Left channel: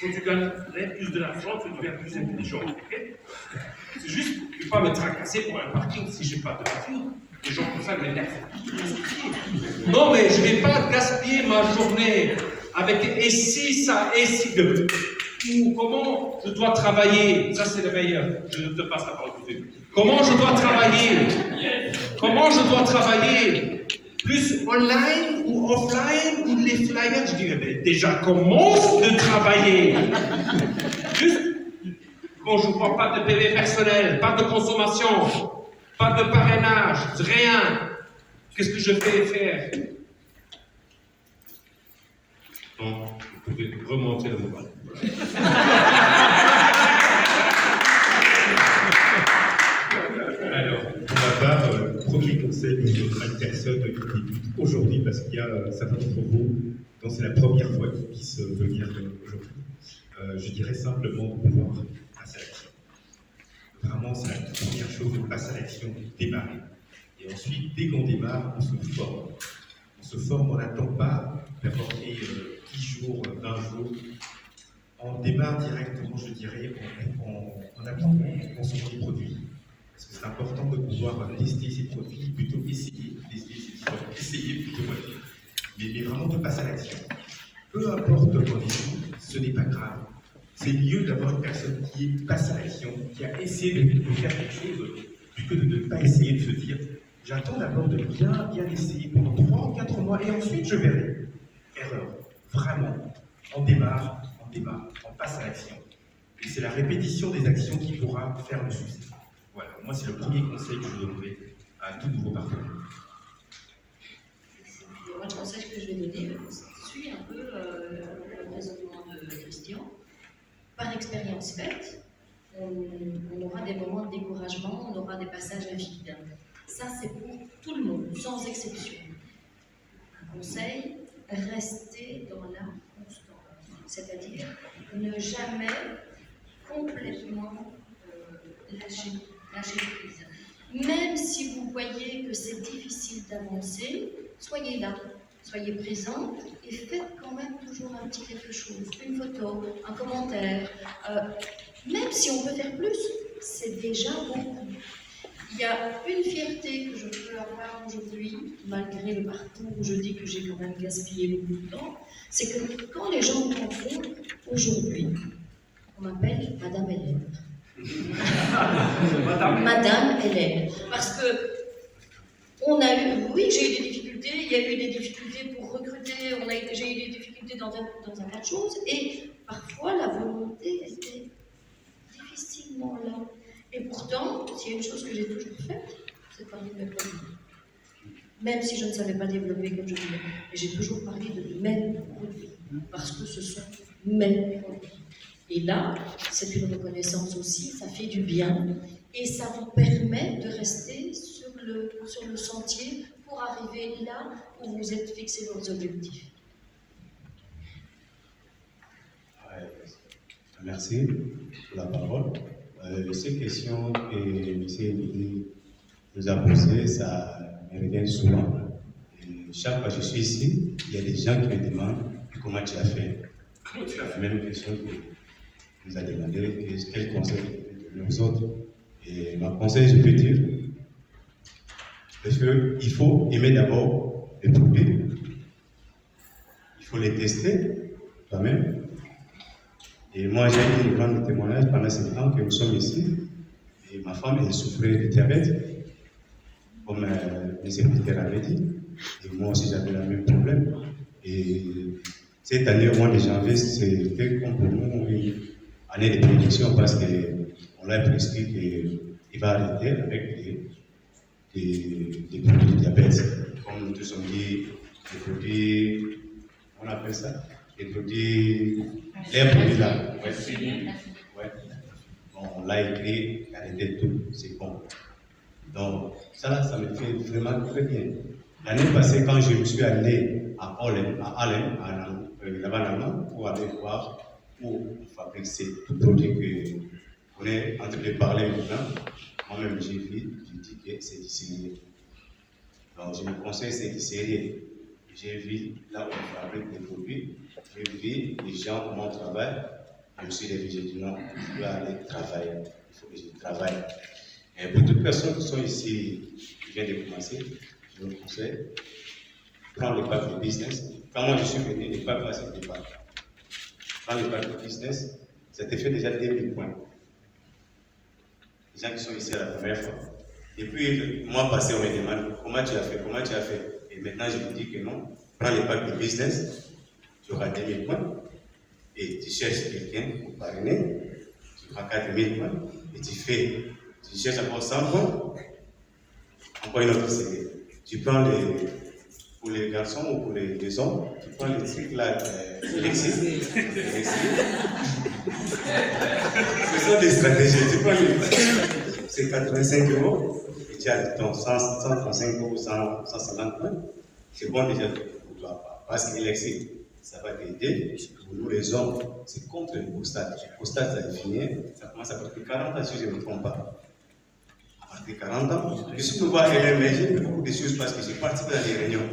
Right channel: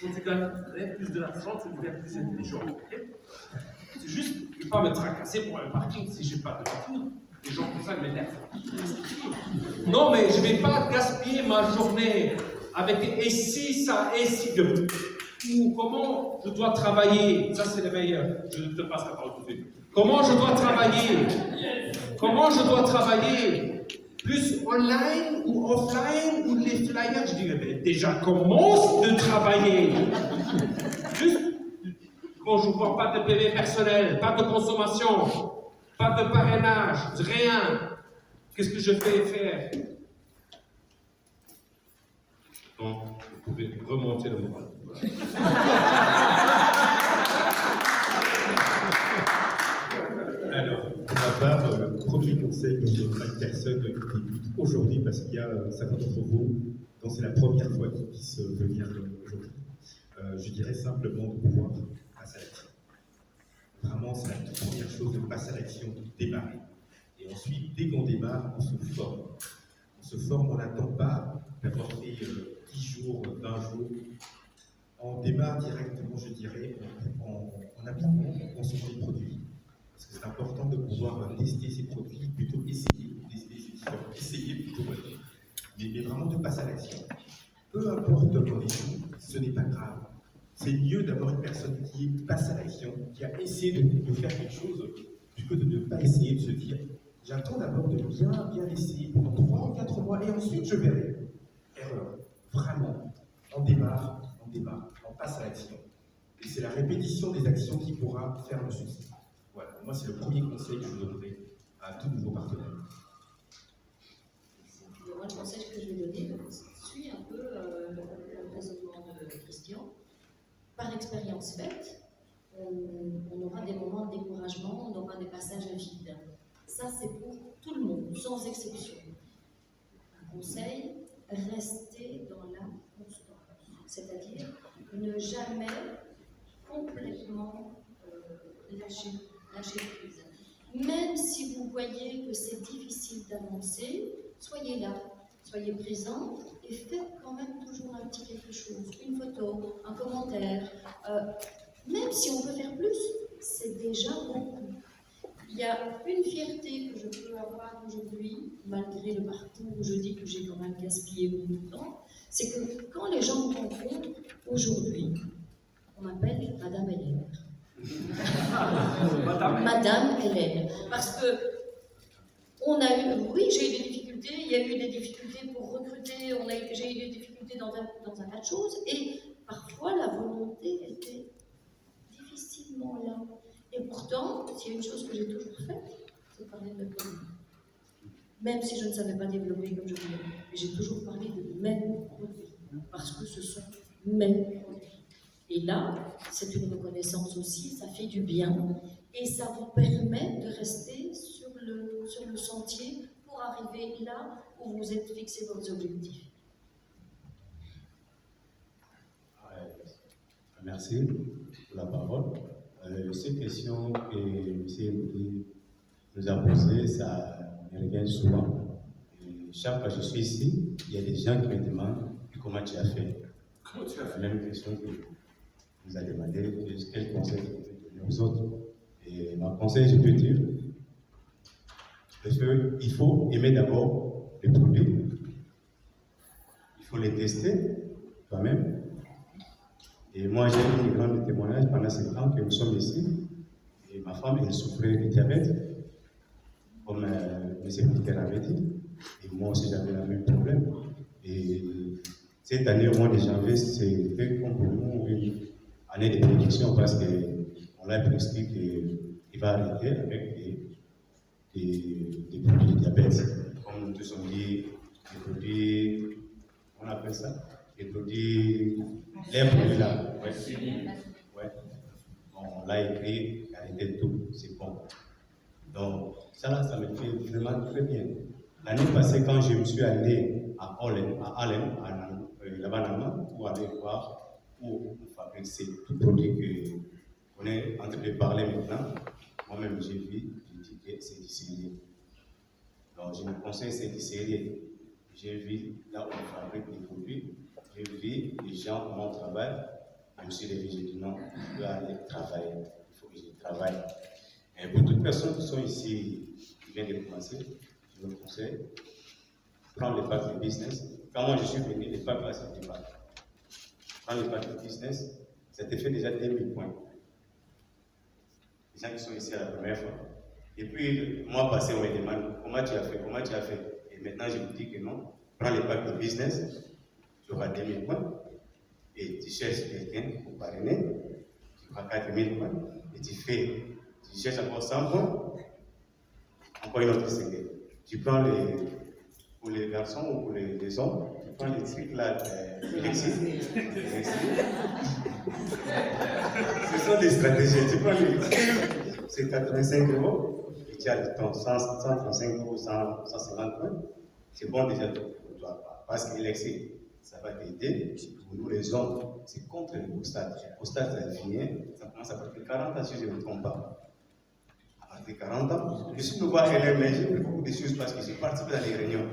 Quand tu gagnerais plus de l'argent, tu deviens plus intelligent. Okay? C'est juste, je ne vais pas me tracasser pour un parking si je n'ai pas de voiture. Les gens comme ça m'énervent. Non, mais je ne vais pas gaspiller ma journée avec et si ça, et si de. Ou comment je dois travailler. Ça, c'est le meilleur. Je ne te passe la parole tout de suite. Comment je dois travailler. Comment je dois travailler. Plus online ou offline ou les flyers. Je dirais, déjà, commence de travailler. Juste, quand je ne vois pas de PV personnel, pas de consommation, pas de parrainage, rien. Qu'est-ce que je vais faire? Bon, vous pouvez remonter le moral. Alors, pour ma part, premier conseil que je donnerai à une personne qui débute aujourd'hui, parce qu'il y a certains d'entre vous dont c'est la première fois qu'ils puissent venir aujourd'hui, je dirais simplement de pouvoir passer à l'action. Vraiment, c'est la toute première chose, de passer à l'action, de démarrer. Et ensuite, dès qu'on démarre, on se forme. On se forme, on n'attend pas d'avoir fait 10 jours, 20 jours. On démarre directement, je dirais, en appliquant, en consommant les produits. Parce que c'est important de pouvoir tester ces produits, plutôt essayer, tester, c'est différent, essayer plutôt, mais vraiment de passer à l'action. Peu importe le rendez-vous, ce n'est pas grave. C'est mieux d'avoir une personne qui passe à l'action, qui a essayé de faire quelque chose, plutôt que de ne pas essayer de se dire j'attends d'abord de bien essayer pendant 3 ou 4 mois et ensuite je verrai. Erreur. Vraiment. On démarre, on passe à l'action. Et c'est la répétition des actions qui pourra faire le succès. Voilà, moi c'est le premier conseil que je donnerai à tout nouveau partenaire. Moi, le conseil que je vais donner suit un peu le raisonnement de Christian. Par expérience faite, on aura des moments de découragement, on aura des passages à vide. Ça, c'est pour tout le monde, sans exception. Un conseil, rester dans la constance, c'est-à-dire ne jamais complètement lâcher prise. Même si vous voyez que c'est difficile d'avancer, soyez là, soyez présent et faites quand même toujours un petit quelque chose, une photo, un commentaire. Même si on peut faire plus, c'est déjà beaucoup. Il y a une fierté que je peux avoir aujourd'hui, malgré le parcours où je dis que j'ai quand même gaspillé beaucoup de temps, c'est que quand les gens me rencontrent aujourd'hui, on m'appelle Madame Hélène. Madame Hélène. Parce que oui, j'ai eu des difficultés, il y a eu des difficultés pour recruter, j'ai eu des difficultés dans un tas de choses, et parfois la volonté était difficilement là. Et pourtant, s'il y a une chose que j'ai toujours faite, c'est parler de mes produits. Même si je ne savais pas développer comme je voulais, j'ai toujours parlé de mes produits, parce que ce sont mes produits. Et là, c'est une reconnaissance aussi, ça fait du bien, et ça vous permet de rester sur le sentier pour arriver là où vous êtes fixé vos objectifs. Merci pour la parole. Ces questions que M. Emily nous a posées, ça me revient souvent. Et chaque fois que je suis ici, il y a des gens qui me demandent comment tu as fait. La même question que nous a demandé, quel conseil tu donnes aux autres. Et ma conseil, je peux dire, parce qu'il faut aimer d'abord les produits, il faut les tester toi-même. Et moi, j'ai eu une grande témoignage pendant 7 ans que nous sommes ici. Et ma femme, elle souffrait de diabète, comme M. Peter avait dit. Et moi aussi, j'avais le même problème. Et cette année, au mois de janvier, c'était comme pour nous une année de prédiction parce qu'on l'a prescrit qu'il va arrêter avec des produits de diabète. Comme nous tous on dit, des produits, on appelle ça, des produits, les produits là. Ouais. Bon, on l'a écrit, arrêtez tout, c'est bon. Donc, ça me fait vraiment très bien. L'année passée, quand je me suis allé à Allen, là-bas, là-bas, pour aller voir où on fabrique ces produits qu'on est en train de parler maintenant, moi-même j'ai vu, j'ai dit que c'est distillé. Donc, je me conseille, c'est distillé. J'ai vu là où on fabrique des produits, j'ai vu les gens, comment on travaille. Je me suis réveillé, j'ai dit non, je dois aller travailler. Il faut que je travaille. Et pour toutes les personnes qui sont ici, qui viennent de commencer, je vous conseille, prends le pack de business. Quand moi je suis venu, les packs là, c'était pas. Prends le pack de business, ça te fait déjà 2000 points. Les gens qui sont ici à la première fois. Et puis, le mois passé, on me demande comment tu as fait. Et maintenant, je vous dis que non. Prends le pack de business, tu auras 2000 points. Et tu cherches quelqu'un pour parrainer, tu auras 4000 points. Et tu cherches encore 100 points, encore une autre série. Tu prends pour les garçons ou pour les hommes, tu prends les trucs là, Alexis. Ce sont des stratégies. Tu prends c'est 85 €. Tu as ton 135 ou 150 points, c'est bon déjà pour toi. Parce qu'Alexis, ça va t'aider. Pour nous les hommes, c'est contre le prostate. Le prostate, ça définit, ça commence à partir de 40 ans si je ne me trompe pas. À partir de 40 ans, je suis nouveau à LR, mais j'ai fait beaucoup de choses parce que j'ai participé dans des réunions.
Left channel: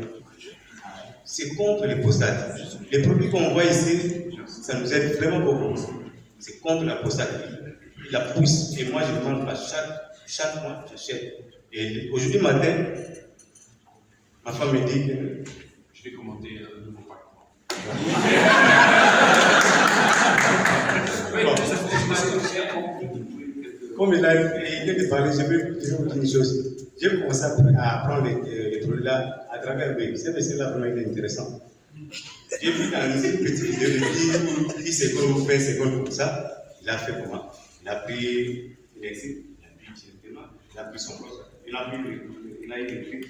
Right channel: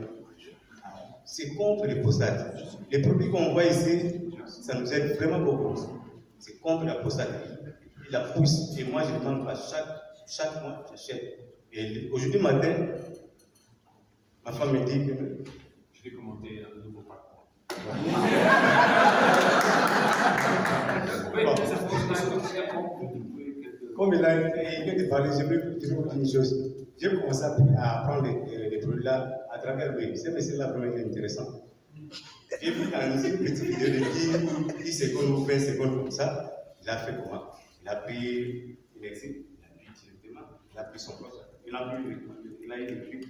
C'est contre le prostate. Les produits qu'on voit ici, ça nous aide vraiment beaucoup. C'est contre la prostate. Il la pousse et moi je demande à chaque mois, j'achète. Et aujourd'hui matin, ma femme me dit que Je vais commenter un nouveau pack. comme il vient de parler, je vais vous dire une chose. J'ai commencé à apprendre les produits là à travers lui. C'est là vraiment intéressant. J'ai vu dans une petite vidéo de 10 secondes ou 20 secondes comme ça. Il a fait comment? Il a pris Alexis, il a pris directement, il a pris son poste, il a eu écrit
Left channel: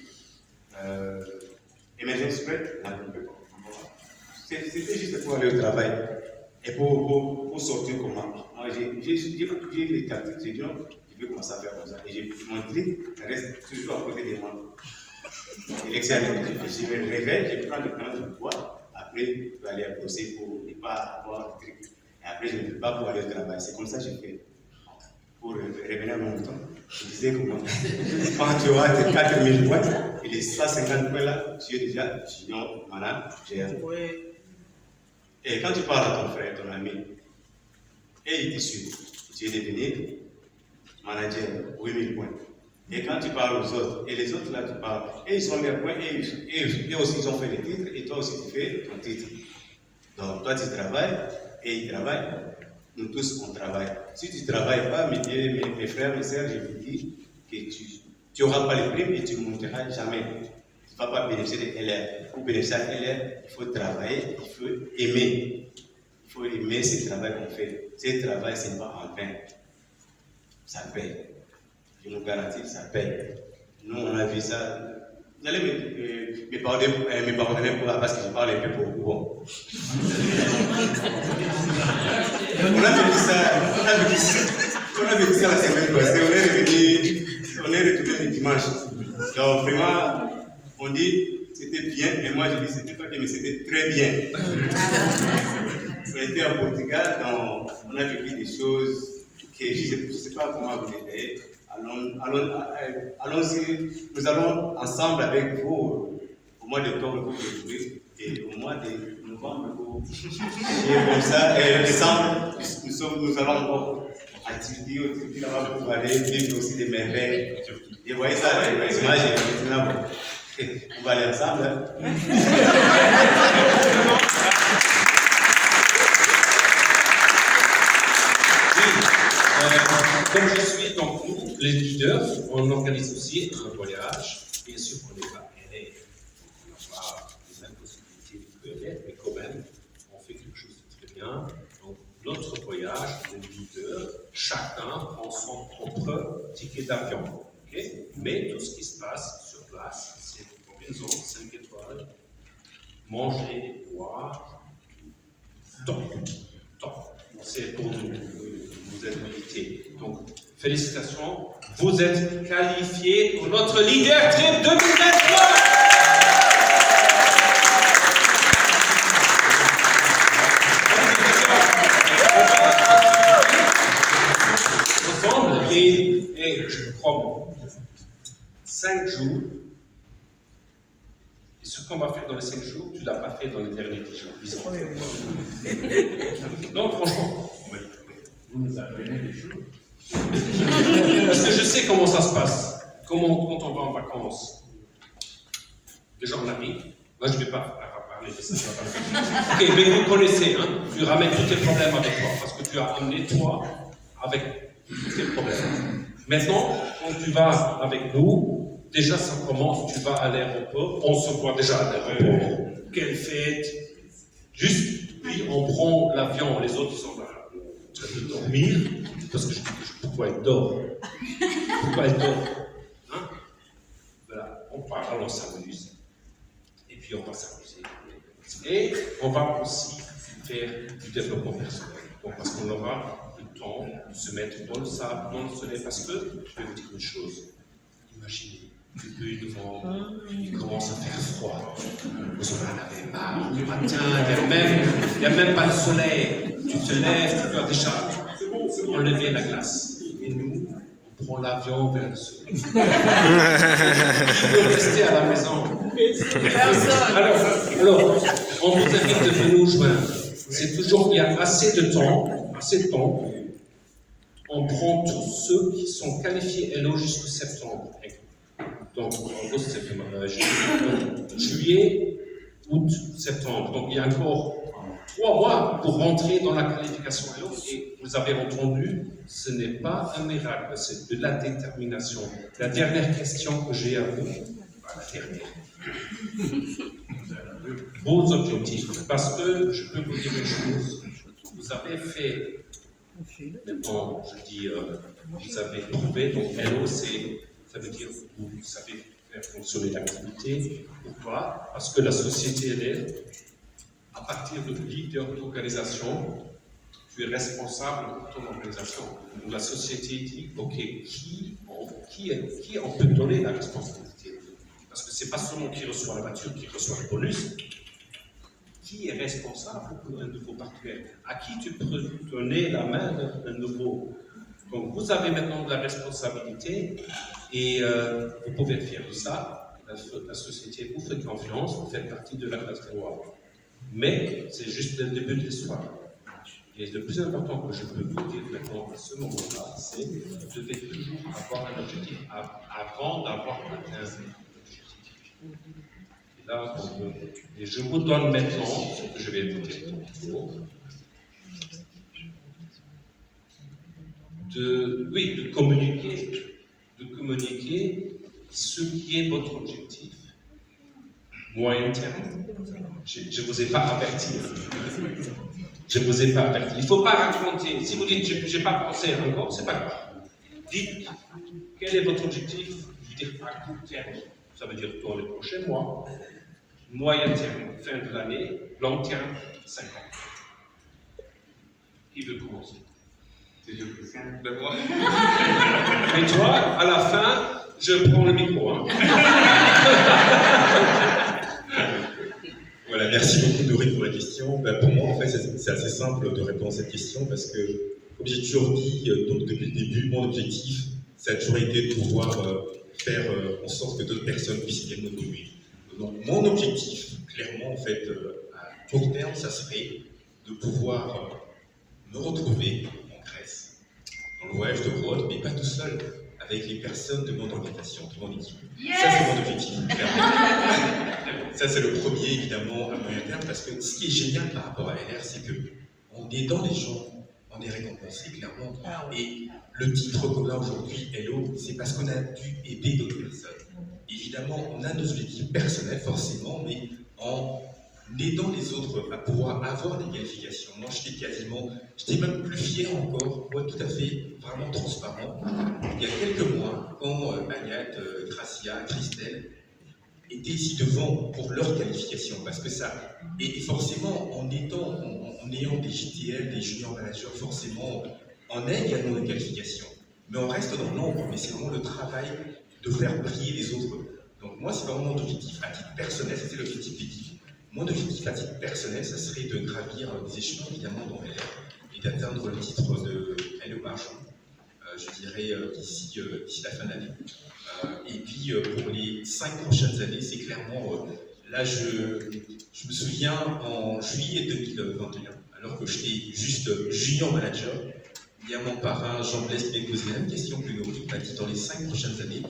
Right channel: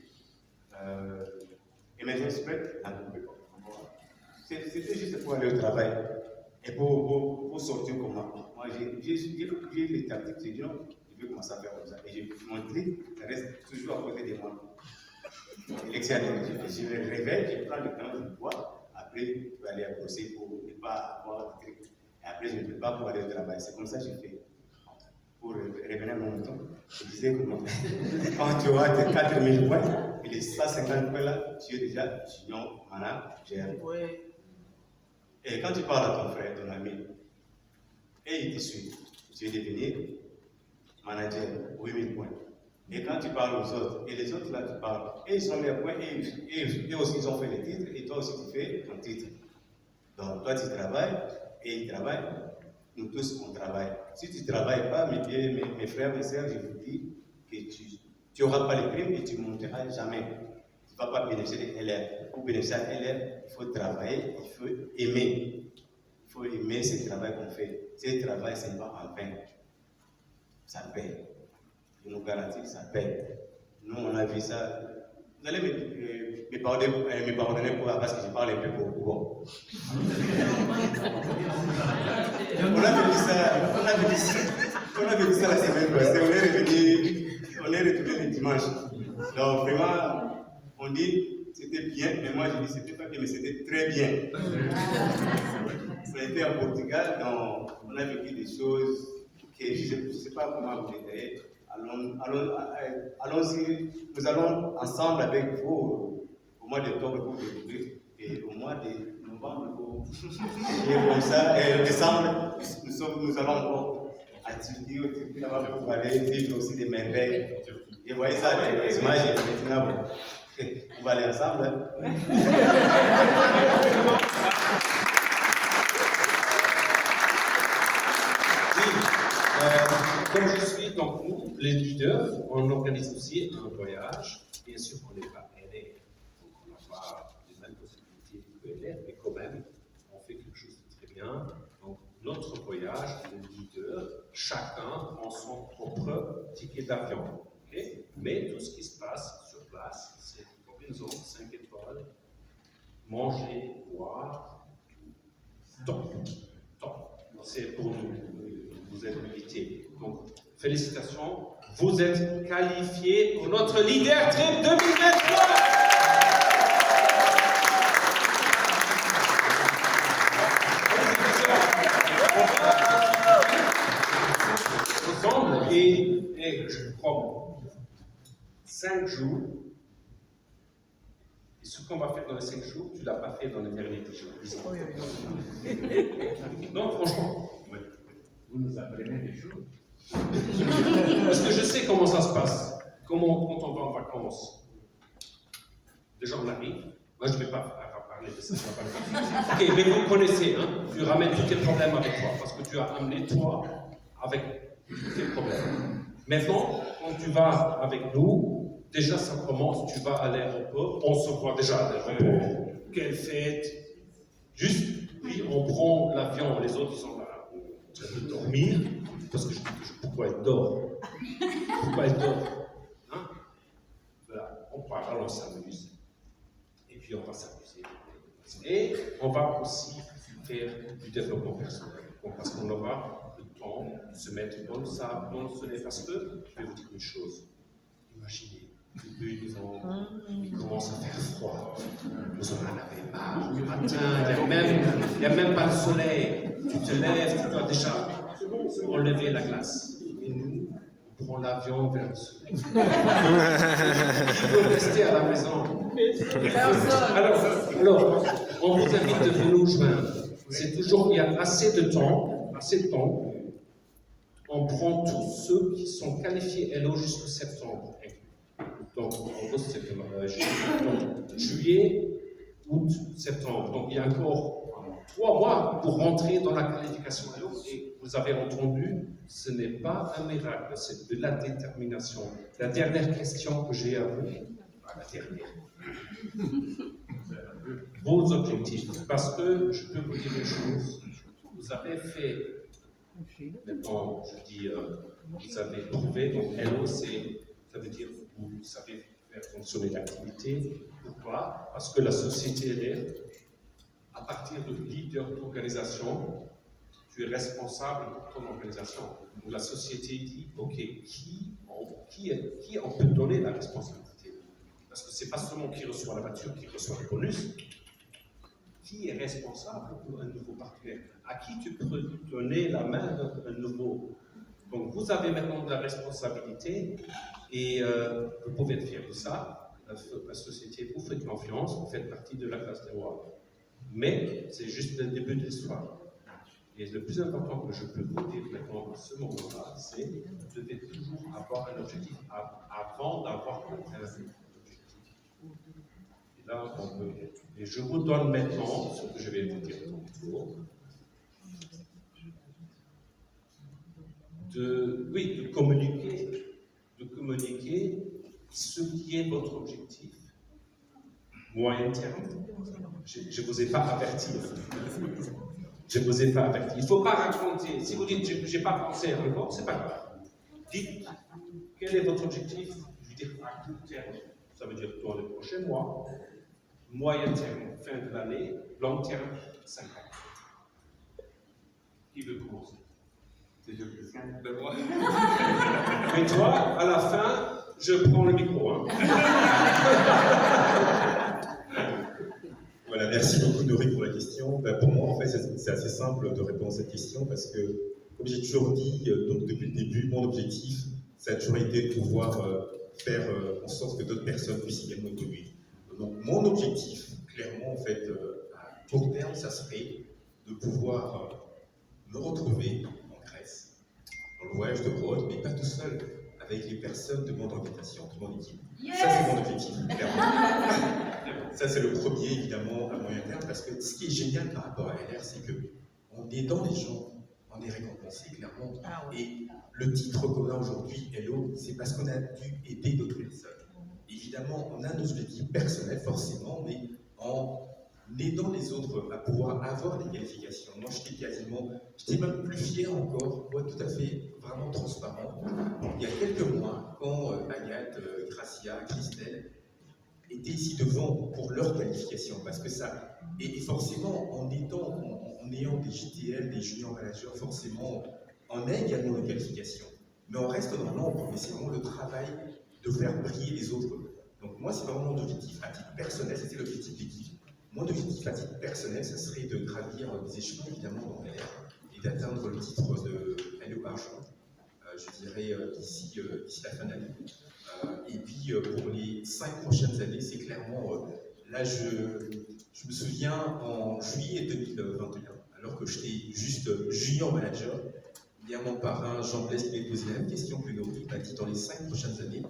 Emergency Spread, il a coupé. C'était juste pour aller au travail et pour sortir comment. Moi, j'ai les tactiques, j'ai dit non, je vais commencer à faire comme ça. Et j'ai montré, reste toujours à côté des mains. Alexis, je me réveille, je prends le temps de boire, après je vais aller bosser pour ne pas avoir de trucs. Et après, je ne peux pas pour aller au travail. C'est comme ça que je fais. Pour revenir à mon temps, je disais comment quand tu auras tes 4000 points et les 150 points là, tu es déjà junior, manager. Et quand tu parles à ton frère, ton ami, et il te suit, tu es devenu manager, 8000 points. Et quand tu parles aux autres, et les autres là, tu parles, et ils ont leurs points, et aussi ils ont fait les titres, et toi aussi tu fais ton titre. Donc toi tu travailles, et ils travaillent, nous tous on travaille. Si tu ne travailles pas, mes frères, mes sœurs, je vous dis que tu n'auras pas les primes et tu ne monteras jamais. Tu ne vas pas bénéficier de LR. Pour bénéficier de LR, il faut travailler, il faut aimer. Il faut aimer ce travail qu'on fait. Ce travail, ce n'est pas en vain. Ça paye. Je nous garantis, ça paye. Nous, on a vu ça. Vous allez me pardonner parce que je parle un peu pour vous. Bon. On avait dit ça la semaine passée. On est retourné le dimanche. Donc, vraiment, on dit c'était bien, mais moi je dis c'était pas bien, mais c'était très bien. Ça a été au Portugal, donc on a vécu des choses que je ne sais pas comment vous détailler. Allons-y, nous allons ensemble avec vous au mois d'octobre pour découvrir et au mois de novembre pour comme ça. Et décembre, nous allons encore à Turquie pour aller vivre aussi des merveilles. Et vous voyez ça, les images, maintenant, on va aller ensemble. Comme je suis, donc nous, les leaders, on organise aussi un voyage. Bien sûr qu'on n'est pas aidé, on n'a pas les mêmes possibilités que l'aide, mais quand même, on fait quelque chose de très bien. Donc, notre voyage, les leaders, chacun prend son propre ticket d'avion. Okay? Mais tout ce qui se passe sur place, c'est une combinaison 5 étoiles, manger, boire, top. C'est pour nous. Vous êtes invités. Donc, félicitations. Vous êtes qualifiés pour notre Leader Trip 2023. Ensemble, et je vous promets, 5 jours. Et ce qu'on va faire dans les 5 jours, tu ne l'as pas fait dans les derniers 10 jours. Non, franchement. comment ça se passe? Comment, quand on va en vacances? Déjà, on arrive. Moi, je ne vais pas parler de ça. Ok, mais vous connaissez, hein? Tu ramènes tous tes problèmes avec toi, parce que tu as amené toi avec tous tes problèmes. Maintenant, quand tu vas avec nous, déjà ça commence, tu vas à l'aéroport, on se voit déjà à l'aéroport. Quelle fête! Juste, puis on prend l'avion, les autres ils sont là, en train de dormir, parce que je dis pourquoi ils dorment? Pourquoi ils dorment? Hein? Voilà, on parle, on s'amuse, et puis on va s'amuser. Et on va aussi faire du développement personnel, donc, parce qu'on aura le temps de se mettre dans le sable, dans le soleil, parce que, je vais vous dire une chose, imaginez, le bulle devant, il commence à faire froid, vous en avez marre, le matin, il n'y a même pas le soleil, tu te lèves, tu dois déjà enlever la glace, et nous, on prend l'avion vers le soleil. Qui veut rester à la maison? Alors, on vous invite de venir nous joindre. C'est toujours, il y a assez de temps, on prend tous ceux qui sont qualifiés LO jusqu'au septembre. Donc, en août, septembre, juillet, août, septembre. Donc, il y a encore 3 mois pour rentrer dans la qualification LO. Et vous avez entendu, ce n'est pas un miracle, c'est de la détermination. La dernière question que j'ai à vous, la dernière. Vos objectifs, parce que je peux vous dire une chose, vous avez fait, maintenant je dis, vous avez trouvé, donc LO, ça veut dire que vous savez faire fonctionner l'activité. Pourquoi? Parce que la société LR, à partir de leader d'organisation, tu es responsable pour ton organisation. Donc la société dit, ok, qui on peut donner la responsabilité? Parce que ce n'est pas seulement qui reçoit la voiture, qui reçoit le bonus. Qui est responsable pour un nouveau partenaire? À qui tu peux donner la main d'un nouveau? Donc vous avez maintenant de la responsabilité et vous pouvez être fier de ça. La société vous fait confiance, vous faites partie de la classe terroir. Mais c'est juste le début de l'histoire. Et le plus important que je peux vous dire maintenant à ce moment-là, c'est que vous devez toujours avoir un objectif avant d'avoir atteint un objectif. Et là, et je vous donne maintenant ce que je vais vous dire de communiquer ce qui est votre objectif moyen terme. Je ne vous ai pas averti. Je ne vous ai pas averti. Il ne faut pas raconter. Si vous dites je n'ai pas pensé encore, ce n'est pas grave. Dites quel est votre objectif. Vous dites à court terme, ça veut dire dans les prochains mois. Moyen terme, fin de l'année. Long terme, 5 ans. Qui veut commencer? C'est le plus simple de moi. Et toi, à la fin, je prends le micro. Hein. Voilà, merci beaucoup Dorine pour la question. Pour moi, en fait, c'est assez simple de répondre à cette question parce que, comme j'ai toujours dit donc, depuis le début, mon objectif, ça a toujours été de pouvoir faire en sorte que d'autres personnes puissent également évoluer. Donc, mon objectif, clairement, en fait, à court terme, ça serait de pouvoir me retrouver en Grèce, dans le voyage de Rhodes, mais pas tout seul, avec les personnes de mon organisation, de mon équipe. Yes! Ça, c'est mon objectif, clairement. Ça, c'est le premier, évidemment, à moyen terme, parce que ce qui est génial par rapport à LR, c'est qu'on est dans les gens, on est récompensé, clairement. Et le titre qu'on a aujourd'hui, Hello, c'est parce qu'on a dû aider d'autres personnes. Évidemment, on a nos objectifs personnels, forcément, mais en aidant les autres à pouvoir avoir des qualifications. Moi, j'étais même plus fier encore, pour être tout à fait, vraiment transparent. Il y a quelques mois, quand Agathe, Gracia, Christelle étaient ici devant pour leur qualification, parce que ça, et forcément, en ayant des JTL, des junior managers, forcément, on a également une qualification. Mais on reste dans l'ombre, mais c'est vraiment le travail de faire briller les autres. Donc moi, c'est vraiment mon objectif à titre personnel, c'était l'objectif d'équipe. Mon objectif à titre personnel, ça serait de gravir des échelons, évidemment, dans LR, et d'atteindre le titre de LO Argent, je dirais, d'ici la fin d'année. Et puis, pour les 5 prochaines années, c'est clairement, là, je me souviens, en juillet 2021, alors que j'étais juste junior manager, Il y a mon parrain Jean-Blaise qui m'a posé la même question que nous. Il m'a dit dans les 5 prochaines années.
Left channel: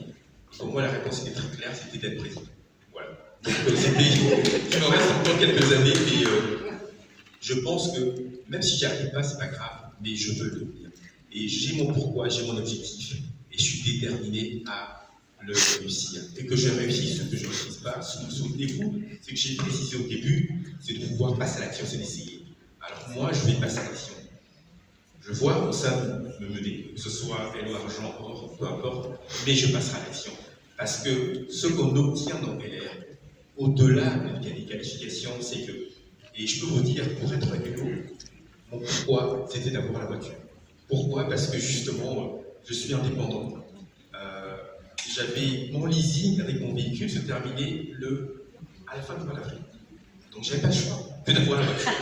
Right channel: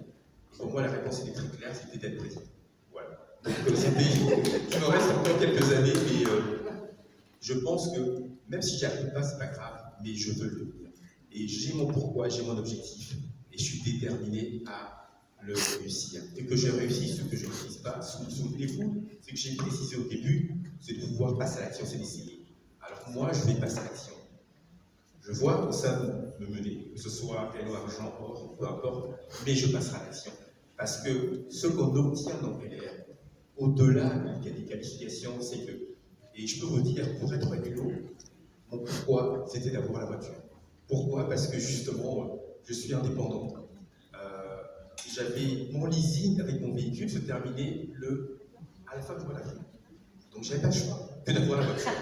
Pour moi, la réponse était très claire, c'était d'être président. Voilà. Donc, il me reste encore quelques années, mais je pense que même si j'y arrive pas, c'est pas grave, mais je veux le devenir. Et j'ai mon pourquoi, j'ai mon objectif, et je suis déterminé à le réussir. Et que je réussisse, ce que je ne réussisse pas, souvenez-vous, c'est que j'ai précisé au début, c'est de pouvoir passer à l'action, c'est d'essayer. Alors moi, je vais passer à l'action. Je vois où ça me mener, que ce soit LO, argent, or, peu importe, mais je passerai à l'action. Parce que ce qu'on obtient dans LR, au-delà des qualifications, c'est que, et je peux vous dire, pour être LO, mon pourquoi, c'était d'avoir la voiture. Pourquoi? Parce que justement, je suis indépendant. J'avais mon leasing avec mon véhicule se terminait à la fin du mois d'avril. Donc j'avais pas le choix que d'avoir la voiture.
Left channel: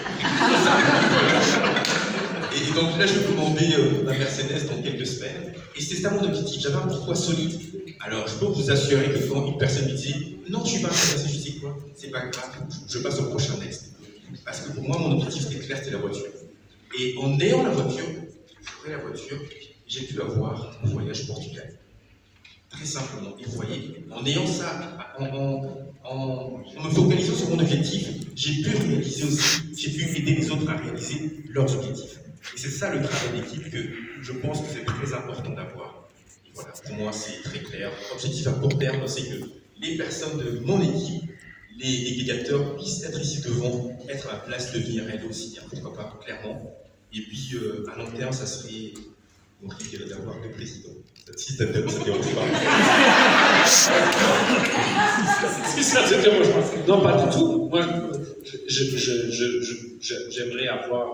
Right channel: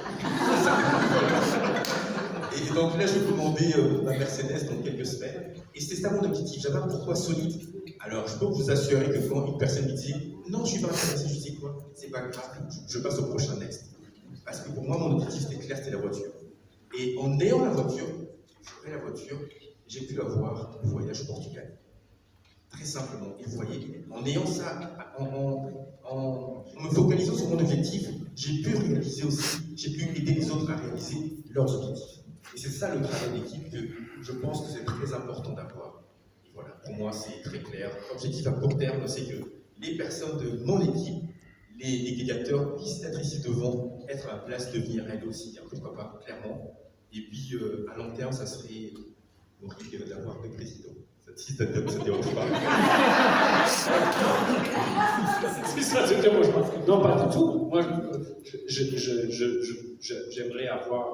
Et donc là, je commandais ma Mercedes dans quelques semaines. Et c'était ça mon objectif. J'avais un pourquoi solide. Alors, je peux vous assurer que quand une personne me dit « Non, je suis pas intéressé, je dis quoi ?» C'est pas grave, je passe au prochain next. Parce que pour moi, mon objectif c'était clair, c'était la voiture. Et en ayant la voiture, j'aurais la voiture, j'ai pu avoir au voyage au Portugal. Très simplement. Et vous voyez, en ayant ça, en me focalisant sur mon objectif, j'ai pu réaliser aussi, j'ai pu aider les autres à réaliser leurs objectifs. Et c'est ça le travail d'équipe que je pense que c'est très important d'avoir. Et voilà, pour moi c'est très clair. L'objectif à court terme, c'est que les personnes de mon équipe, les délégateurs puissent être ici devant, être à la place de venir aider aussi, hein, pourquoi pas, clairement. Et puis à long terme, ça serait mon rêve d'avoir deux présidents. Si ça ne dérange pas. Si ça te dérange pas. Non, pas du tout. Moi, j'aimerais avoir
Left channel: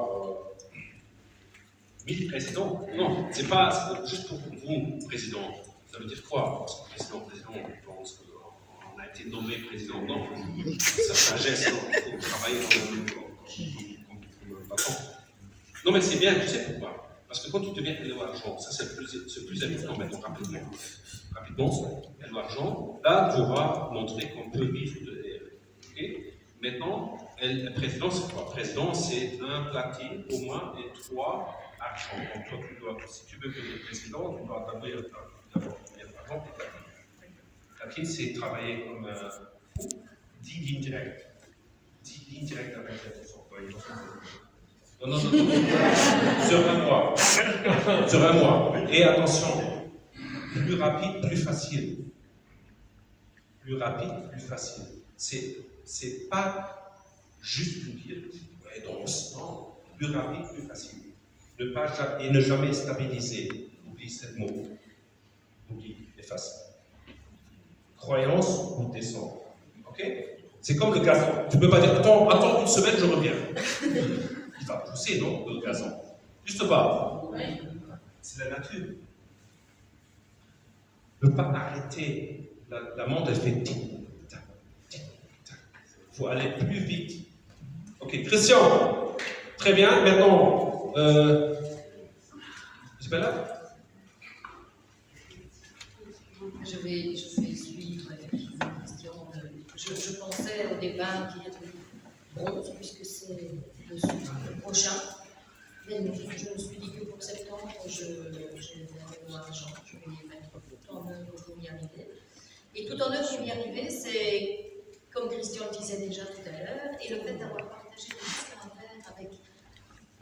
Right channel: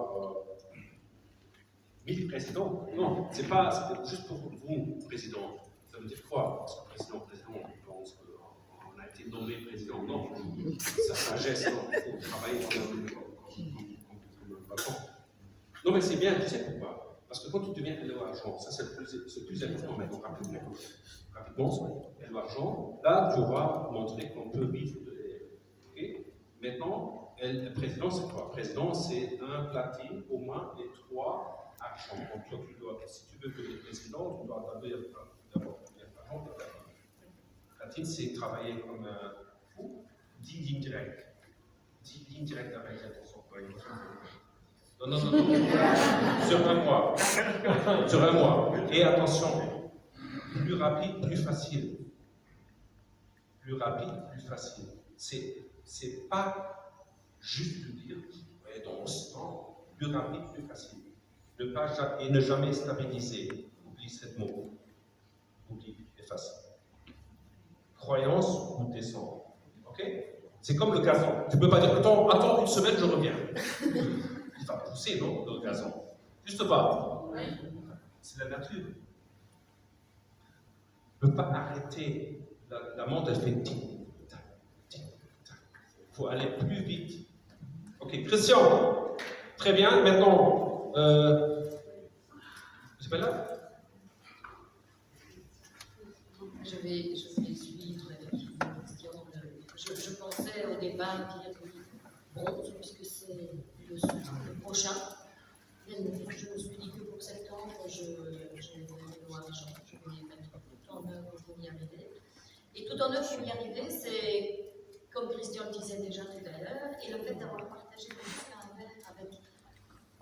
1000 présidents. Non, c'est pas juste pour vous, président. Ça veut dire quoi? Parce que président, on pense qu'on a été nommé président. Non, sa sagesse, non, il faut travailler comme patron. Non, mais c'est bien, tu sais pourquoi? Parce que quand tu deviens LO argent, ça c'est le plus important maintenant, rapidement, LO argent, là tu auras montré qu'on peut vivre de LR. Okay? Maintenant, le président c'est quoi? Président c'est un platine au moins et 3 argent. Donc toi, si tu veux devenir président, tu dois d'abord l'argent et platine. Platine c'est travailler comme un fou, 10 lignes directes. 10 lignes directes avec son employé. Non. Sur un mois. Et attention, plus rapide, plus facile. Plus rapide, plus facile. C'est pas juste vous dire, ouais, non. Plus rapide, plus facile. Ne jamais stabiliser. Oublie ce mot. Oublie, efface. Croyance ou descendre. Ok? C'est comme le gazon. Tu peux pas dire, attends une semaine, je reviens. Il va pousser, non, le gazon. Juste pas. C'est la nature. Ne pas arrêter. La montre, elle fait tic-tac, tic-tac. Il faut aller plus vite. Ok, Christian. Très bien. Maintenant, Isabella? Je vais suivre effectivement la question. Je pensais au départ qu'il y avait bronze, puisque c'est le prochain. Mais je me suis dit que pour septembre, je vais avoir argent. Je vais mettre tout en œuvre pour y arriver. Et tout en œuvre pour y arriver, c'est, comme Christian le disait déjà tout à l'heure, et le fait d'avoir partagé tout ça avec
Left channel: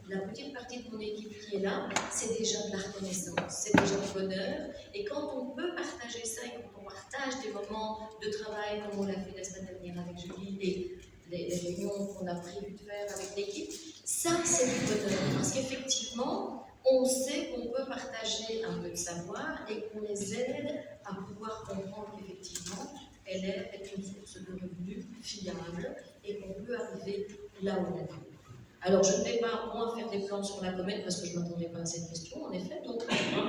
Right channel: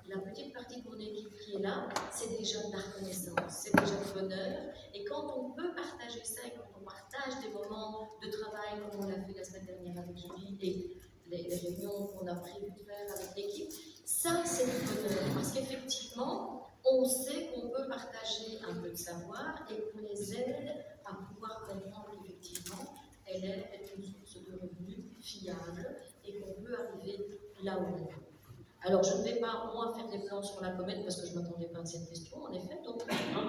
la petite partie de mon équipe qui est là, c'est déjà de la reconnaissance, c'est déjà du bonheur. Et quand on peut partager ça, et quand on partage des moments de travail, comme on l'a fait la semaine dernière avec Julie, et les réunions qu'on a prévu de faire avec l'équipe, ça c'est du bonheur. Parce qu'effectivement, on sait qu'on peut partager un peu de savoir et qu'on les aide à pouvoir comprendre qu'effectivement, LR est une source de revenus fiable et qu'on peut arriver là où on veut. Alors, je ne vais pas, moi, faire des plans sur la comète parce que je ne m'attendais pas à cette question, en effet. Donc,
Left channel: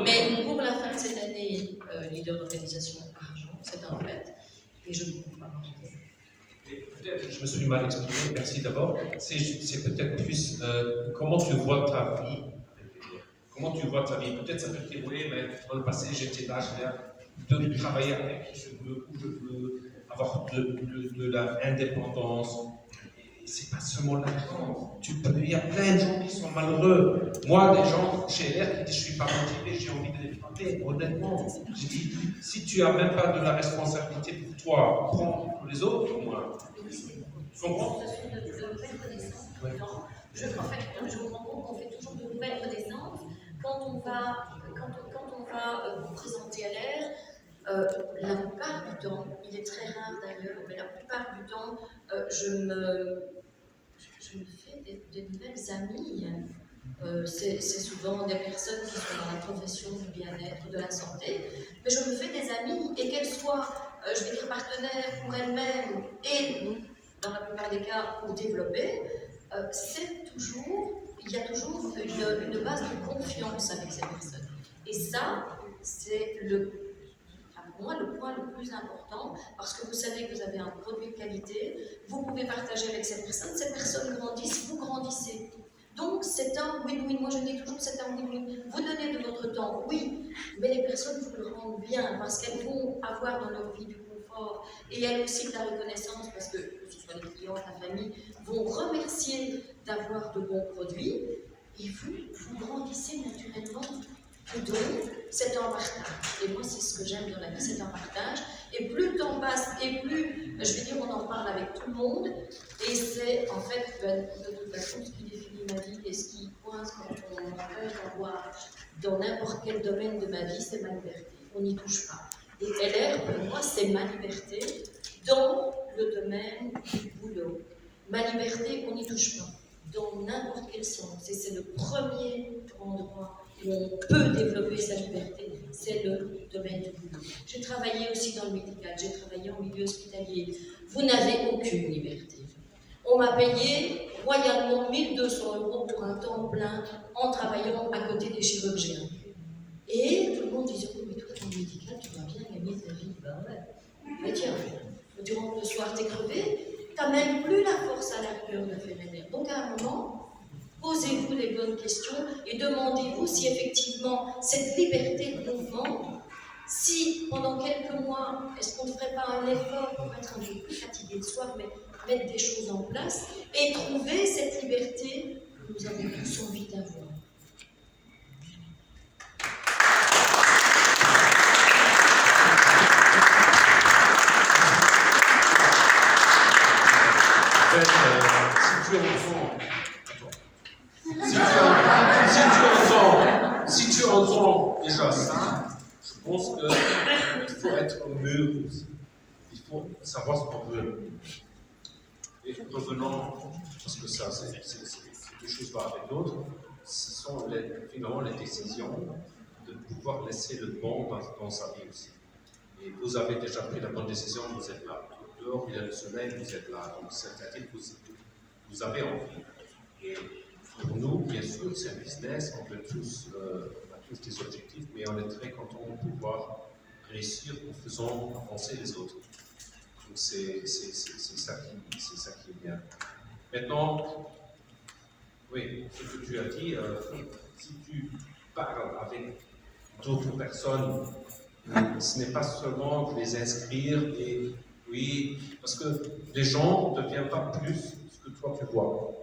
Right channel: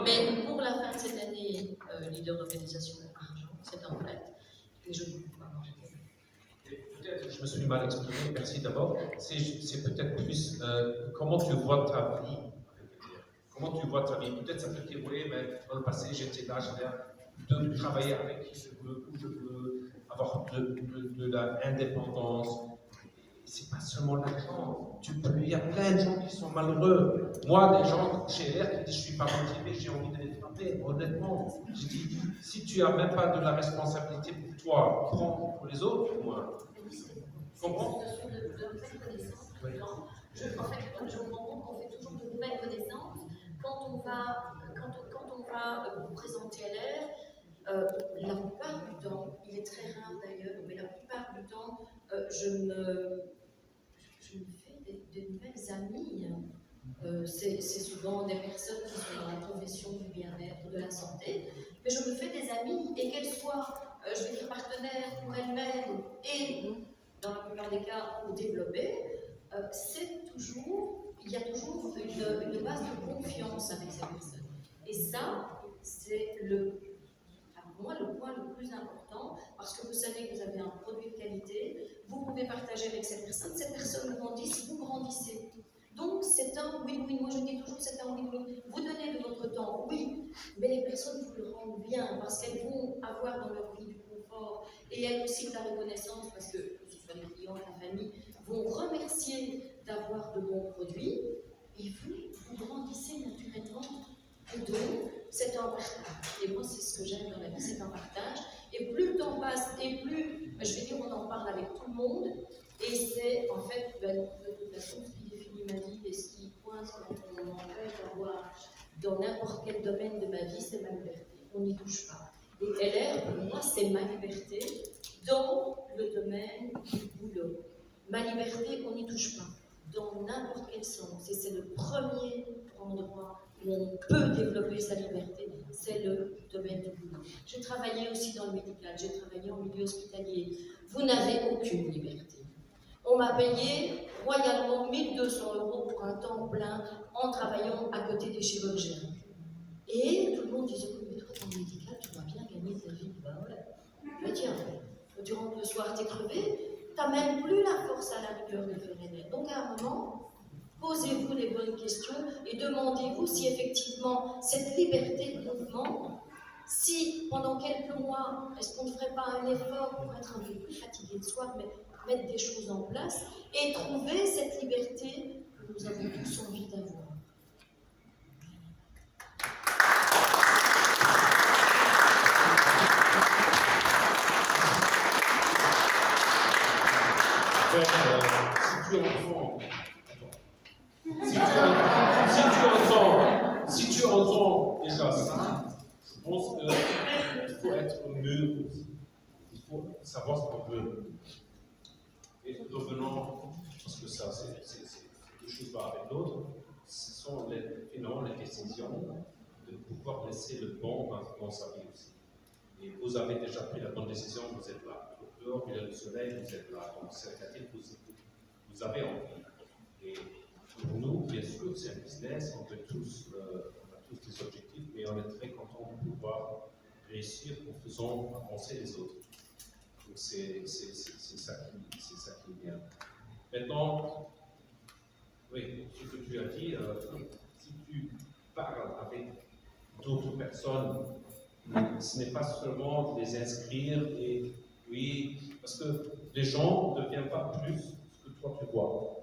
mais pour la fin de cette année, leader d'organisation argent, c'est un fait. Et je ne peux pas manquer. Peut-être je me suis mal exprimé, merci d'abord. C'est peut-être plus comment tu vois ta vie. Comment tu vois ta vie. Peut-être ça peut te dire, oui, mais dans le passé, j'étais là, je viens de travailler avec qui je veux, où je veux, avoir de l'indépendance. c'est pas seulement l'argent. Il y a plein de gens qui sont malheureux. Moi, des gens chez l'air qui disent je suis pas motivé, j'ai envie de les frapper. Honnêtement, je dis si tu as même pas de la responsabilité pour toi, prends pour les autres, au moins. Tu comprends? En fait, je me rends compte qu'on fait toujours de nouvelles connaissances. Quand on va vous présenter à l'air, la plupart du temps, il est très rare d'ailleurs, mais la plupart du temps, je me fais des nouvelles amies. C'est souvent des personnes qui sont dans la profession du bien-être, de la santé, mais je me fais des amies, et qu'elles soient, je vais dire, partenaires pour elles-mêmes et, dans la plupart des cas, pour développer, il y a toujours une base de confiance avec ces personnes. Et ça, c'est pour moi, le point le plus important, parce que vous savez que vous avez un produit de qualité, vous pouvez partager avec ces personnes grandissent, vous grandissez. Donc, c'est un win-win. Moi, je dis toujours que c'est un win-win. Vous donnez de votre temps, oui, mais les personnes vous le rendent bien, parce qu'elles vont avoir dans leur vie du confort, et elles aussi de la reconnaissance, parce que ce soit les clients, la famille, vont remercier d'avoir de bons produits, et vous grandissez naturellement. Et donc, c'est un partage. Et moi, c'est ce que j'aime dans la vie, c'est un partage. Et plus le temps passe, et plus, je vais dire, on en parle avec tout le monde. Et c'est, en fait, de toute façon, ce qui définit ma vie et ce qui coince quand on m'empêche d'avoir dans n'importe quel domaine de ma vie, c'est ma liberté. On n'y touche pas. Et LR, pour moi, c'est ma liberté dans le domaine du boulot. Ma liberté, on n'y touche pas. Dans n'importe quel sens. Et c'est le premier endroit où on peut développer sa liberté, c'est le domaine du boulot. J'ai travaillé aussi dans le médical, j'ai travaillé en milieu hospitalier. Vous n'avez aucune liberté. On m'a payé royalement 1 200 € pour un temps plein en travaillant à côté des chirurgiens. Et tout le monde disait, oui, mais toi, dans le médical, tu dois bien gagner ta vie. Ben ouais. Mais tiens, tu rentres le soir, t'es crevé, t'as même plus la force à la rigueur de faire un air. Donc à un moment, posez-vous les bonnes questions et demandez-vous si effectivement cette liberté de mouvement, si pendant quelques mois, est-ce qu'on ne ferait pas un effort pour être un peu plus fatigué le soir, mais mettre des choses en place et trouver cette liberté que nous avons tous envie d'avoir. Si tu entends déjà ça, je pense qu'il faut être mûr aussi. Il faut savoir ce qu'on veut. Et revenons, parce que ça, c'est deux choses pas avec l'autre, ce sont finalement les décisions de pouvoir laisser le bon dans sa vie aussi. Et vous avez déjà pris la bonne décision, vous êtes là. Dehors, il y a le soleil, vous êtes là. Donc, c'est-à-dire que vous avez envie. Et pour nous, bien sûr, c'est un business, on a tous des objectifs, mais on est très content de pouvoir réussir en faisant avancer les autres. Donc, c'est ça qui est bien. Maintenant, oui, ce que tu as dit, si tu parles avec d'autres personnes, ce n'est pas seulement de les inscrire et oui, parce que les gens ne deviennent pas plus ce que toi tu vois.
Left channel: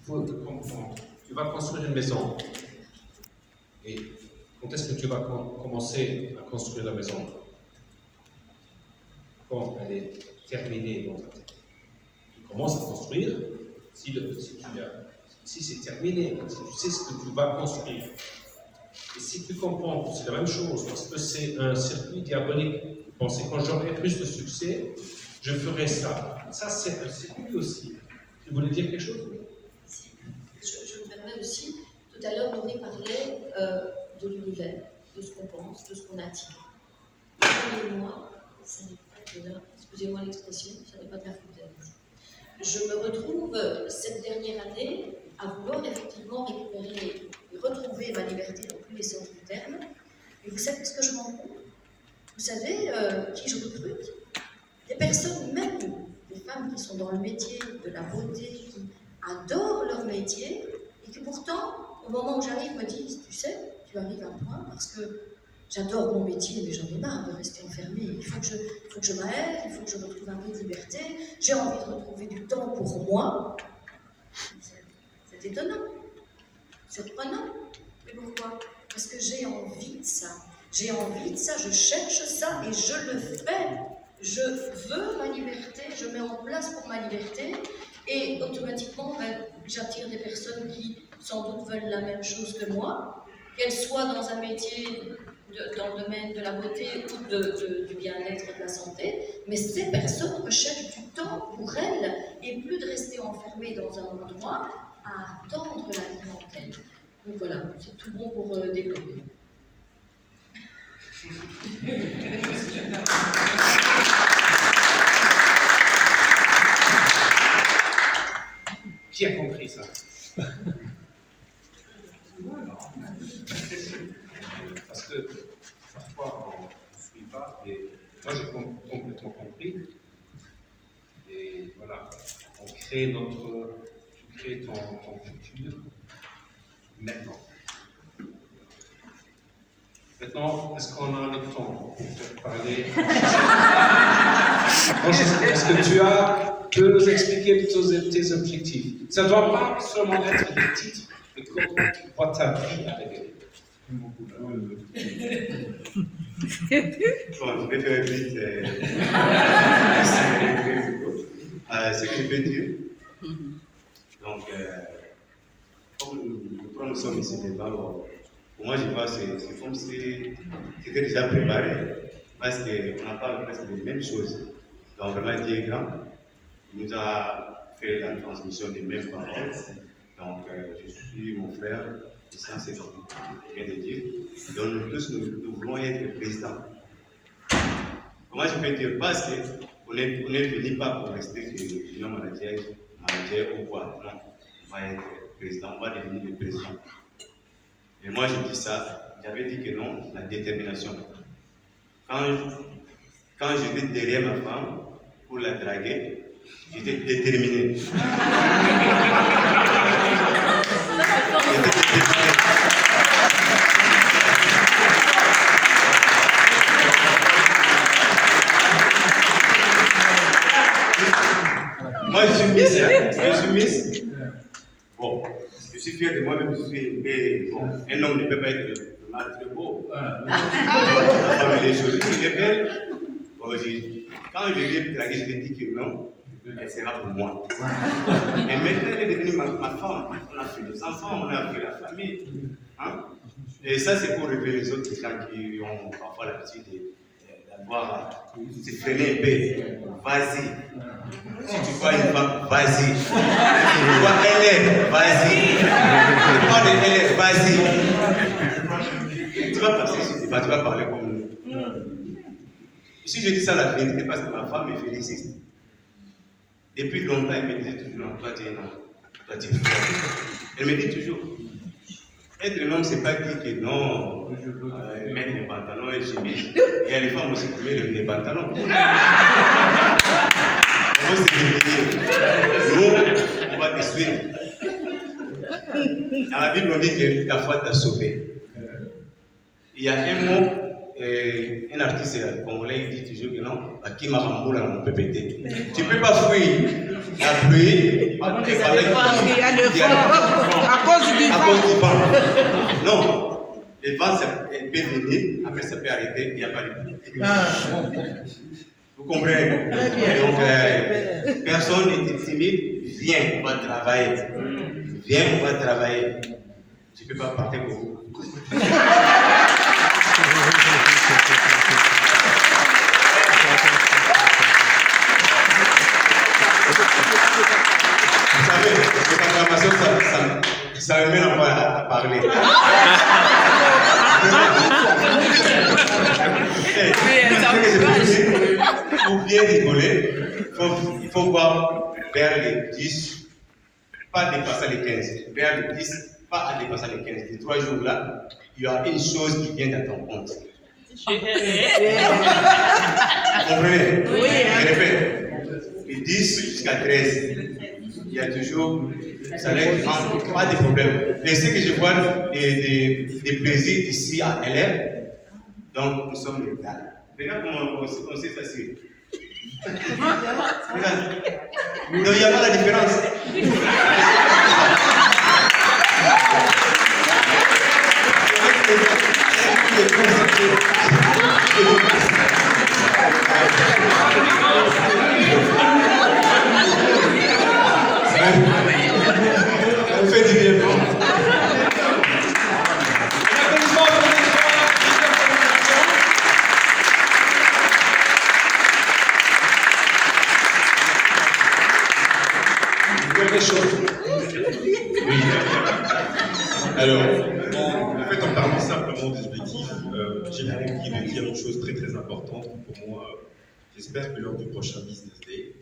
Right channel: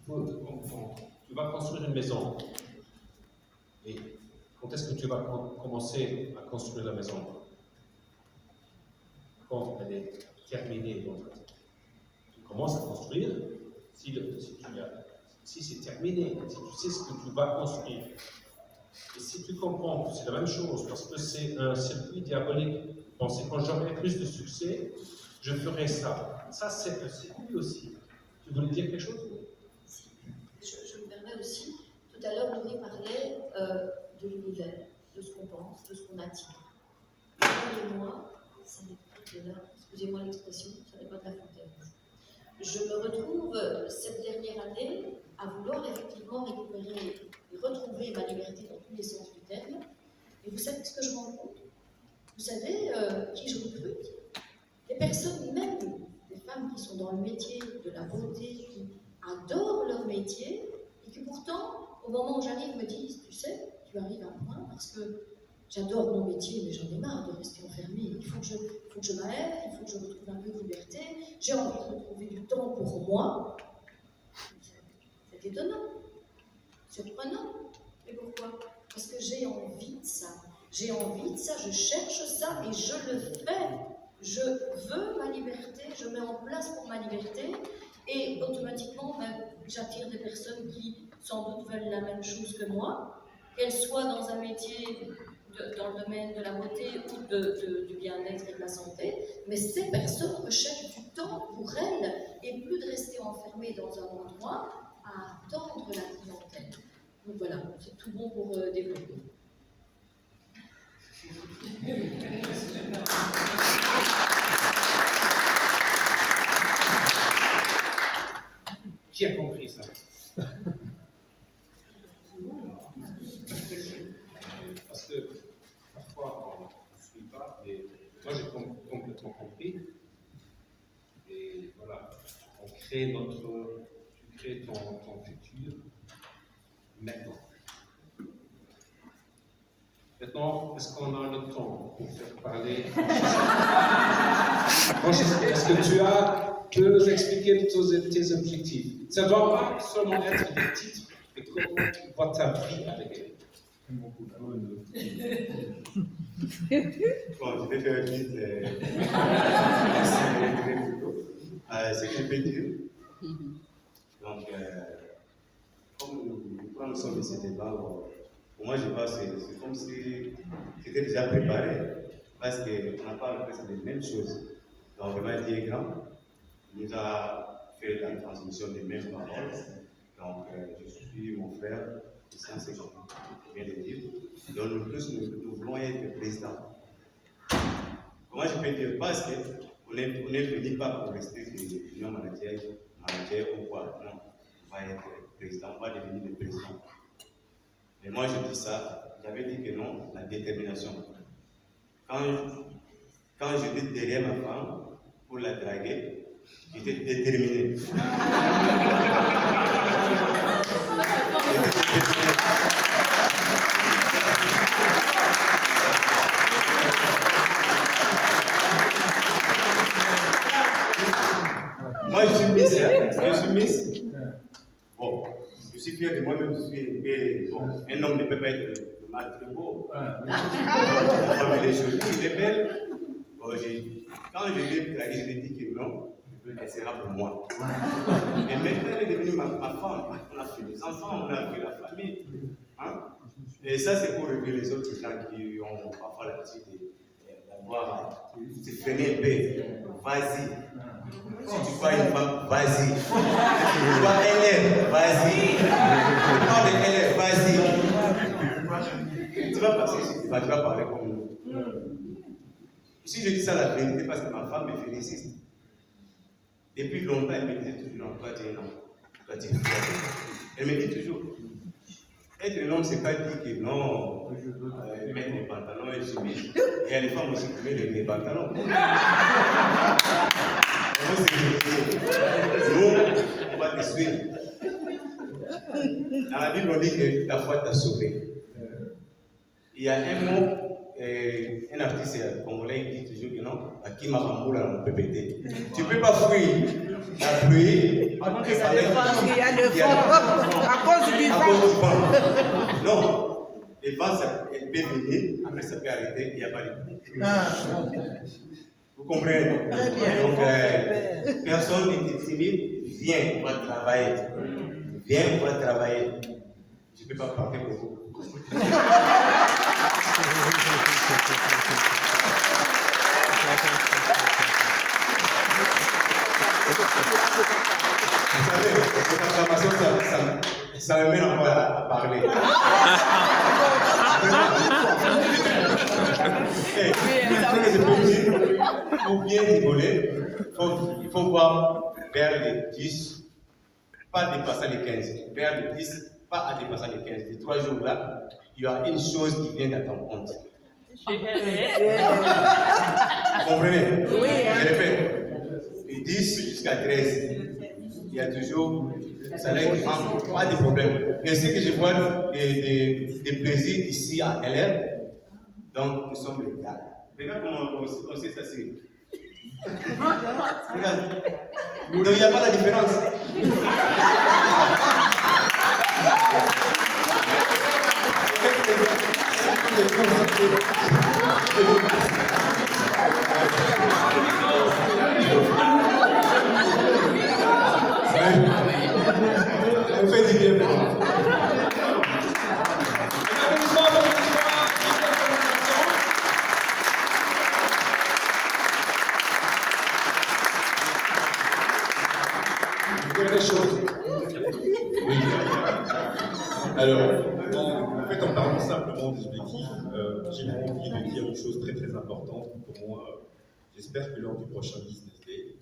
Il faut comprendre. Tu vas construire une maison. Et quand est-ce que tu vas commencer à construire la maison? Quand elle est terminée dans ta tête. Tu commences à construire si c'est terminé, si tu sais ce que tu vas construire. Et si tu comprends que c'est la même chose, parce que c'est un circuit diabolique, vous pensez quand j'aurai plus de succès, je ferai ça. Ça, c'est un circuit aussi. Tu voulais dire quelque chose? Je me permets aussi, tout à l'heure, Laurie parlait de l'univers, de ce qu'on pense, de ce qu'on attire. Croyez-moi, ça n'est pas de là, excusez-moi l'expression, ça n'est pas de la foutaise. Je me retrouve cette dernière année à vouloir effectivement récupérer et retrouver ma liberté dans tous les sens du terme. Et vous savez ce que je rends compte? Vous savez qui je recrute? Des personnes, même des femmes qui sont dans le métier de la beauté, qui adorent leur métier, et qui pourtant, au moment où j'arrive, me disent, tu sais, tu arrives à un point parce que j'adore mon métier, mais j'en ai marre de rester enfermée. Il faut faut que je m'aide, il faut que je retrouve un peu de liberté, j'ai envie de retrouver du temps pour moi. C'est étonnant, surprenant. Mais pourquoi? Parce que j'ai envie de ça. J'ai envie de ça, je cherche ça et je le fais. Je veux ma liberté, je mets en place pour ma liberté et automatiquement j'attire des personnes qui sans doute veulent la même chose que moi, qu'elles soient dans un métier dans le domaine de la beauté ou du bien-être et de la santé, mais ces personnes recherchent du temps pour elles et plus de rester enfermées dans un endroit à attendre la clientèle. Donc voilà, c'est tout bon pour développer. Qui a compris ça? Parce que parfois on ne suit pas, mais moi j'ai complètement compris. Et voilà, on crée tu crées ton futur maintenant. Maintenant, est-ce qu'on a le temps pour faire parler? Est-ce que tu peux nous expliquer tes objectifs? Ça ne doit pas seulement être des titres, mais comment tu vois ta vie avec eux. Bon, je vais faire vite. Ce que je peux dire. Donc, comme nous sommes ici devant, pour moi, je vois que c'est comme si c'était déjà préparé, parce qu'on en parle presque des mêmes choses. Donc, vraiment, Dieu est grand. Il nous a fait la transmission des mêmes paroles. Donc, je suis mon frère, et ça, c'est comme je viens de dire. Donc, nous tous, nous voulons être présidents. Comment je peux dire? Parce qu'on n'est venu pas pour rester l'union manager ou quoi. Non, on va être président, on va devenir le président. Et moi, je dis ça, j'avais dit que non, la détermination. Quand j'étais derrière ma femme pour la draguer, j'étais déterminé. Moi, je suis Miss, hein? Je suis Miss. Bon, je suis fier de moi-même, je suis bon, un homme ne peut pas être très beau. La femme, elle est jolie, elle est belle. Bon, quand je l'ai draguée, je lui ai dit que non, elle sera pour moi. Et maintenant, elle est devenue ma femme. On a fait des enfants, on a fait la famille. Hein? Et ça, c'est pour révéler les autres gens qui ont parfois l'habitude d'avoir, de freiner un peu. Vas-y. Si tu vois une femme, vas-y. Si tu vois LR, vas-y. Si tu parles de LR, vas-y. Tu vas passer sur débat, tu vas parler comme nous. Si je dis ça la vérité, parce que ma femme est féliciste. Depuis longtemps, elle me disait toujours, non, toi tu es non. Toi tu es fort. Elle me dit toujours, être un homme, c'est pas dire que non, mettre les pantalons et chemise. Il y a les femmes aussi qui mettent les pantalons. Nous, on va te suivre. Dans la Bible, on dit que ta foi t'a sauvé. Il y a un mot, un artiste congolais, il dit toujours que non, à qui m'a ramboulé, on peut péter. Tu ne peux pas fuir la pluie à cause du vent. Non, le vent, ça peut venir, après ça peut arrêter, il n'y a pas de pluie. Vous comprenez? Donc, personne n'est timide, viens, on va travailler. Viens, on va travailler. Je ne peux pas partir pour vous. Vous savez, cette information, ça me met à parler. Pour bien rigoler, il faut voir vers les 10, pas dépasser les 15. Vers les 10, pas à dépasser les 15. Les 3 jours-là, il y a une chose qui vient à ton compte. Vous comprenez? Oui. Je répète, de 10 jusqu'à 13, il y a toujours, ça n'aide pas de problème. Et ce que je vois des plaisirs ici à LR, donc nous sommes les gars. Regarde comment on sait s'assurer. Regarde. Donc il n'y a pas la différence. On fait du bien. Oui. Alors, en fait, en parlant simplement des objectifs, j'ai vraiment envie de dire une chose très très importante pour moi. J'espère que lors du prochain Business Day,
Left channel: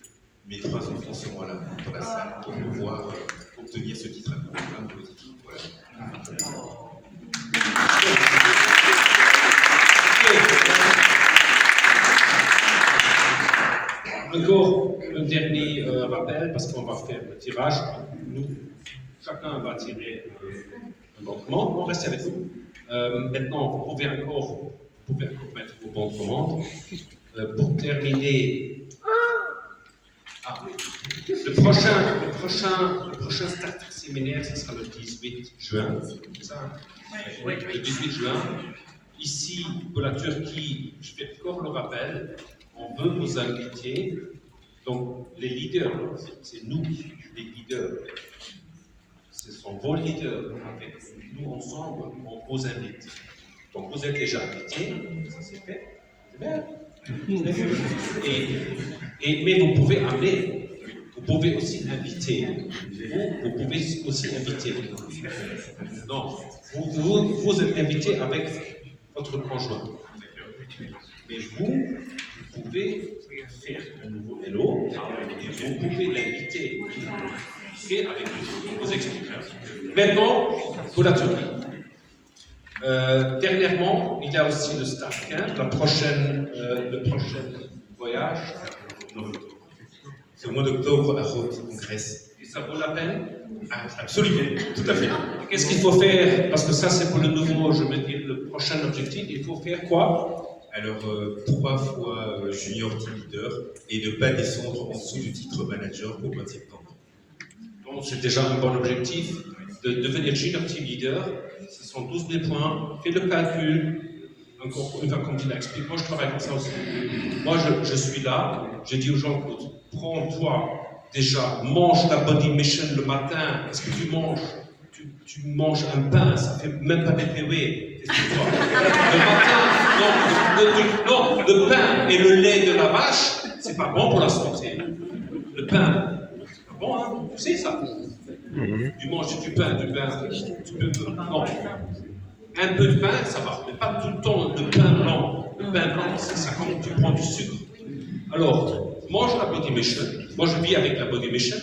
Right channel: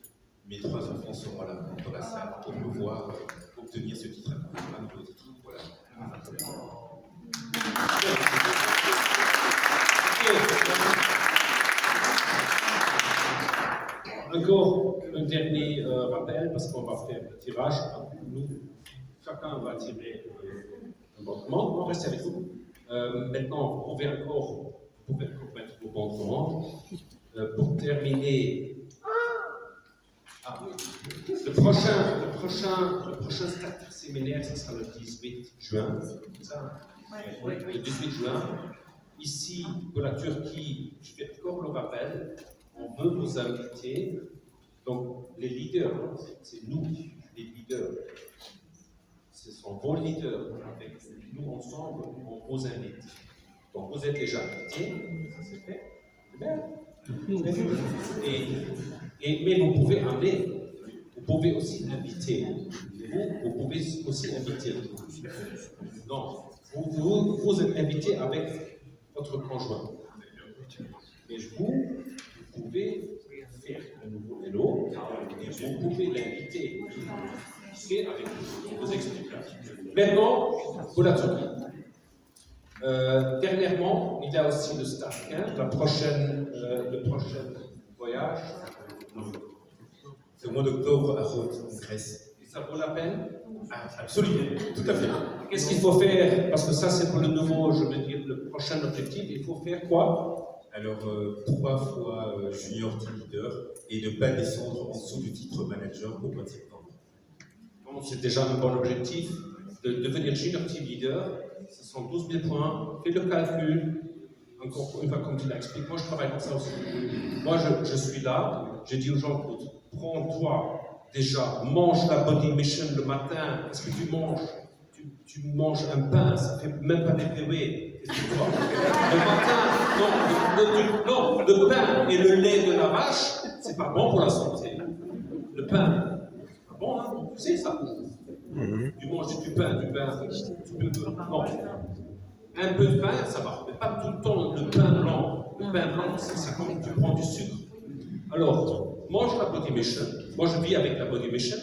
mes 3 enfants seront là dans la salle pour pouvoir obtenir ce titre international positif. Voilà. Encore un dernier rappel, parce qu'on va faire le tirage. Nous, chacun va tirer un bon commande. On reste avec vous. Maintenant, vous pouvez encore mettre vos bons commandes. Pour terminer, le prochain start séminaire, ce sera le 18 juin. C'est ça, oui, le 18 juin. Ici, pour la Turquie, je fais encore le rappel, on veut vous inviter. Donc, les leaders, c'est nous, les leaders. Ce sont vos leaders. Avec nous ensemble, on vous invite. Donc, vous êtes déjà invités, ça c'est fait. C'est bien. Mais vous pouvez amener, vous pouvez aussi inviter. Vous pouvez aussi inviter. Non, vous êtes invité avec votre conjoint. Mais vous pouvez faire un nouveau hello et vous pouvez l'inviter. Et avec vos explications. Maintenant, pour la Turquie. Dernièrement, il y a aussi le Staff Camp, le prochain voyage. C'est au mois d'octobre à Rhodes, en Grèce. Et ça vaut la peine? Absolument, tout à fait. Qu'est-ce qu'il faut faire? Parce que ça, c'est pour le nouveau, je veux dire, le prochain objectif. Il faut faire quoi? Alors, 3 fois junior team leader et ne pas descendre en dessous du titre manager au mois de septembre. Donc, c'est déjà un bon objectif. De devenir junior team leader, ce sont 12 000 points. Fais le calcul. Encore une fois, comme tu l'expliques, moi je travaille comme ça aussi. Moi je suis là, je dis aux gens, prends-toi déjà, mange la body mission le matin. Qu'est-ce que tu manges? Tu manges un pain, ça fait même pas BPW. Qu'est-ce que tu vois? Le matin, le pain et le lait de la vache, c'est pas bon pour la santé. Le pain, c'est pas bon, hein? Tu sais ça? Tu manges du pain, tu peux, non. Un peu de pain, ça va, mais pas tout le temps le pain blanc. Le pain blanc, c'est comme tu prends du sucre. Alors, mange la body mission. Moi, je vis avec la body mission.